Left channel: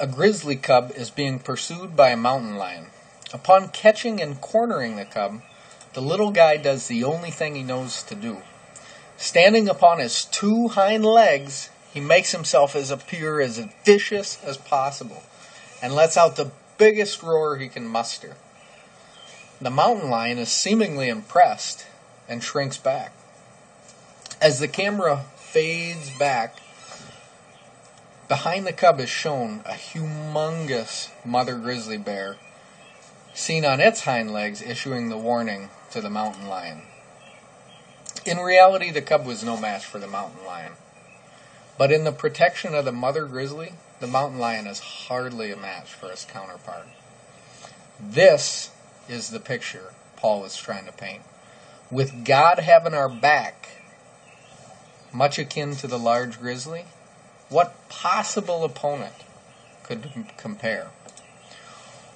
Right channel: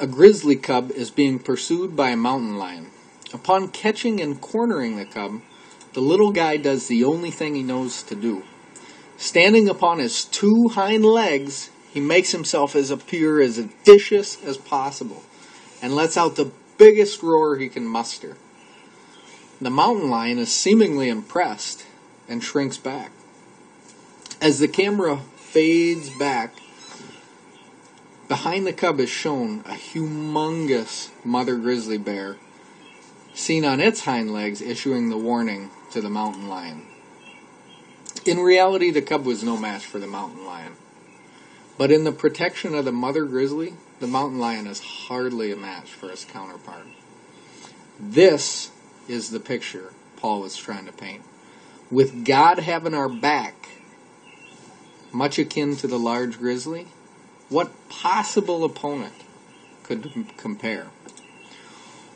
A grizzly cub is being pursued by a mountain lion. Upon catching and cornering the cub, the little guy does the only thing he knows to do. Standing upon his two hind legs, he makes himself appear as vicious as possible and lets out the biggest roar he can muster. The mountain lion is seemingly impressed and shrinks back. As the camera fades back, behind the cub is shown a humongous mother grizzly bear, seen on its hind legs issuing the warning to the mountain lion. In reality, the cub was no match for the mountain lion. But in the protection of the mother grizzly, the mountain lion is hardly a match for his counterpart. This is the picture Paul was trying to paint. With God having our back, much akin to the large grizzly, what possible opponent could compare?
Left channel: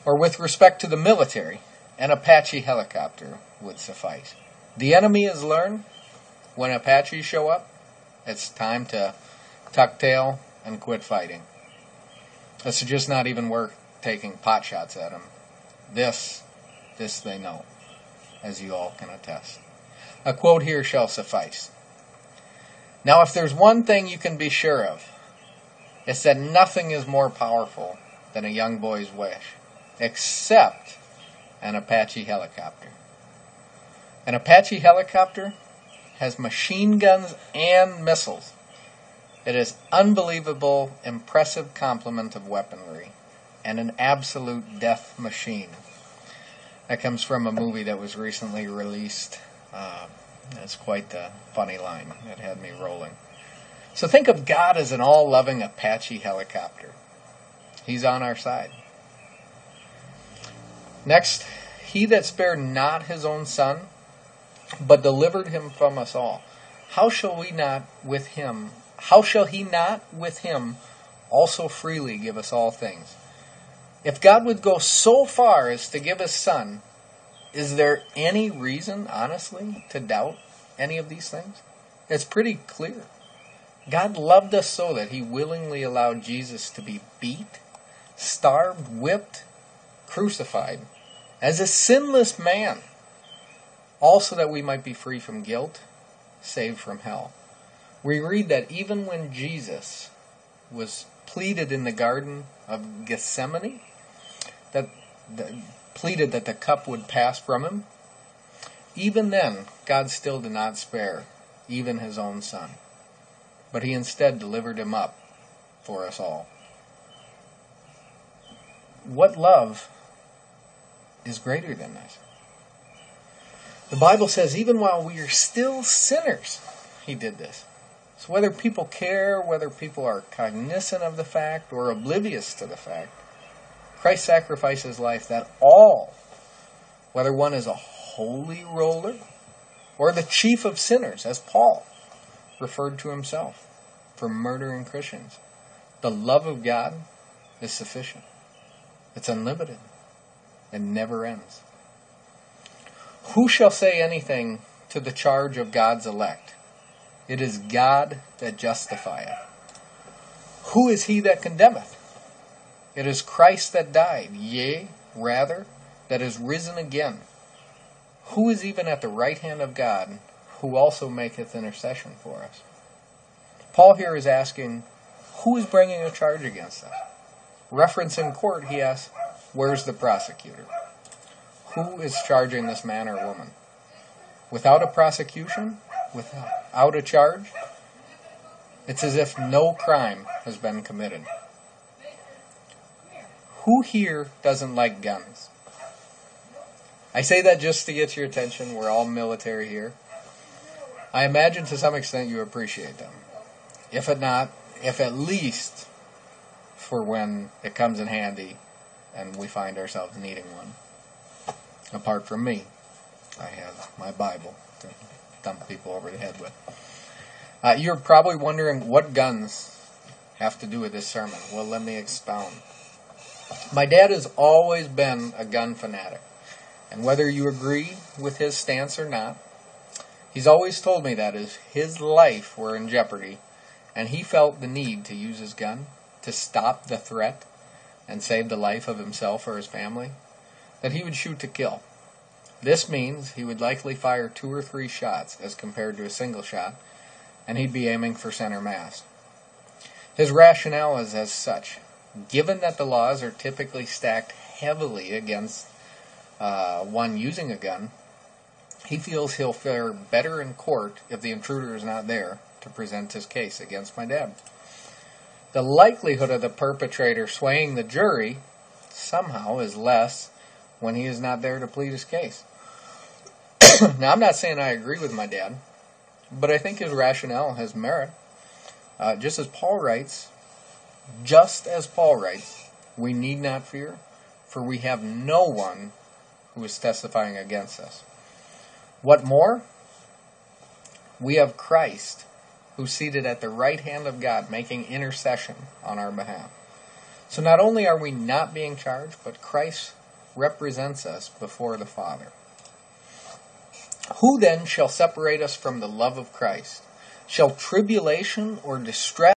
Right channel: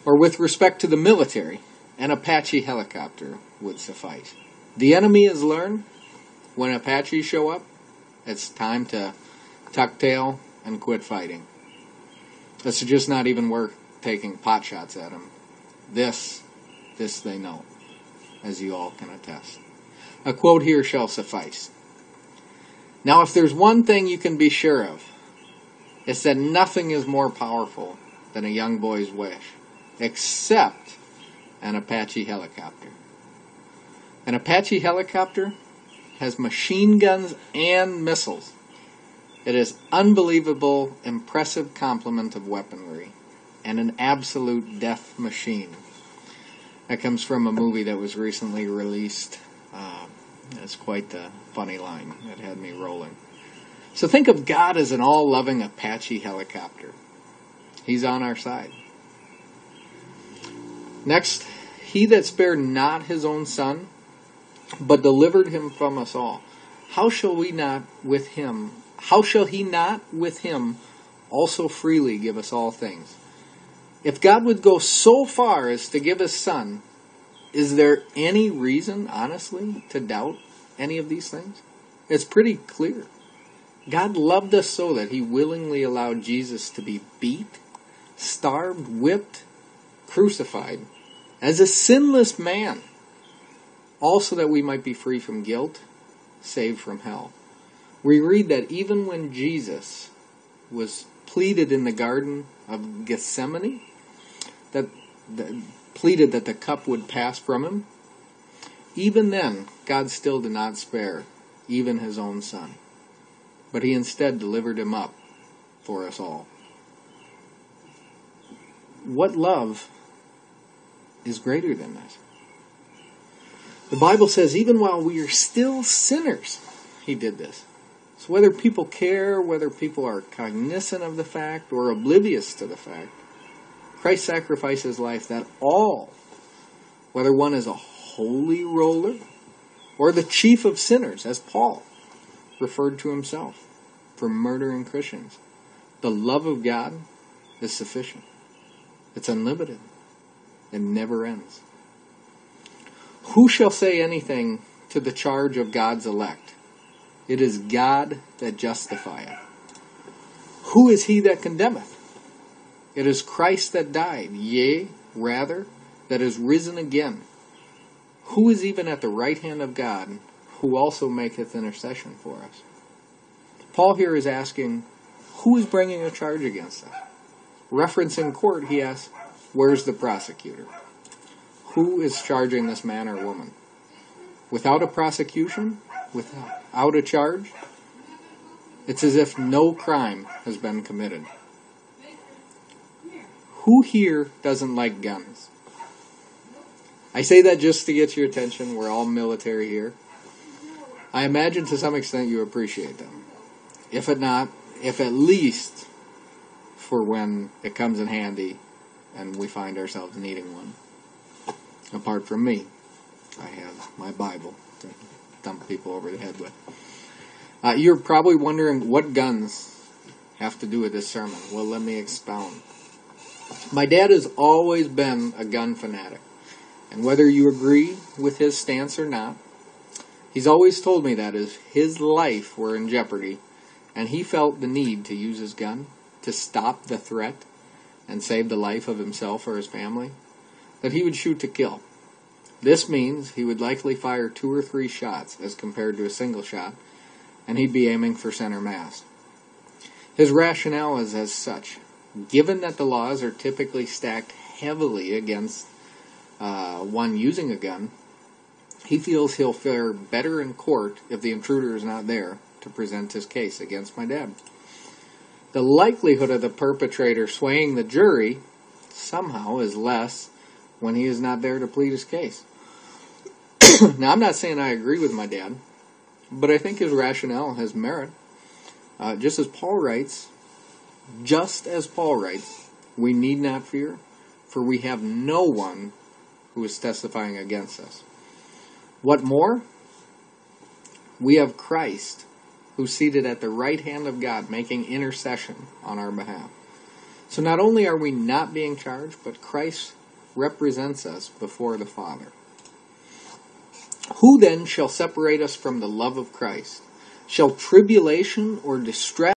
Or with respect to the military, an Apache helicopter would suffice. The enemy has learned, when Apaches show up, it's time to tuck tail and quit fighting. It's just not even worth taking pot shots at them. This they know, as you all can attest. A quote here shall suffice. Now, if there's one thing you can be sure of, it's that nothing is more powerful than a young boy's wish, except an Apache helicopter. An Apache helicopter has machine guns and missiles. It is unbelievable, impressive complement of weaponry, and an absolute death machine. That comes from a movie that was recently released. It's quite the funny line. It had me rolling. So think of God as an all-loving Apache helicopter. He's on our side. Next, he that spared not his own son, but delivered him from us all. How shall he not with him also freely give us all things? If God would go so far as to give his son, is there any reason, honestly, to doubt any of these things? It's pretty clear. God loved us so that he willingly allowed Jesus to be beat, starved, whipped, crucified as a sinless man, also that we might be free from guilt, saved from hell. We read that even when Jesus was pleaded in the Garden of Gethsemane, pleaded that the cup would pass from him, even then, God still did not spare even his own son, but he instead delivered him up for us all. What love is greater than this? The Bible says even while we are still sinners, he did this. So whether people care, whether people are cognizant of the fact or oblivious to the fact, Christ sacrificed his life that all, whether one is a holy roller or the chief of sinners, as Paul referred to himself, for murdering Christians, the love of God is sufficient. It's unlimited. It never ends. Who shall say anything to the charge of God's elect? It is God that justifieth. Who is he that condemneth? It is Christ that died, yea, rather, that is risen again. Who is even at the right hand of God, who also maketh intercession for us? Paul here is asking, who is bringing a charge against us? Reference in court, he asks, where's the prosecutor? Who is charging this man or woman? Without a prosecution, without a charge, it's as if no crime has been committed. Who here doesn't like guns? I say that just to get your attention. We're all military here. I imagine to some extent you appreciate them. If at least for when it comes in handy and we find ourselves needing one. Apart from me, I have my Bible to thump people over the head with. You're probably wondering what guns have to do with this sermon. Well, let me expound. My dad has always been a gun fanatic. And whether you agree with his stance or not, he's always told me that if his life were in jeopardy and he felt the need to use his gun to stop the threat, and save the life of himself or his family, that he would shoot to kill. This means he would likely fire 2 or 3 shots as compared to a single shot, and he'd be aiming for center mass. His rationale is as such. Given that the laws are typically stacked heavily against one using a gun, he feels he'll fare better in court if the intruder is not there to present his case against my dad. The likelihood of the perpetrator swaying the jury somehow is less when he is not there to plead his case. Now, I'm not saying I agree with my dad, but I think his rationale has merit. Just as Paul writes, we need not fear, for we have no one who is testifying against us. What more? We have Christ, who's seated at the right hand of God, making intercession on our behalf. So not only are we not being charged, but Christ represents us before the Father. Who then shall separate us from the love of Christ? Shall tribulation or distress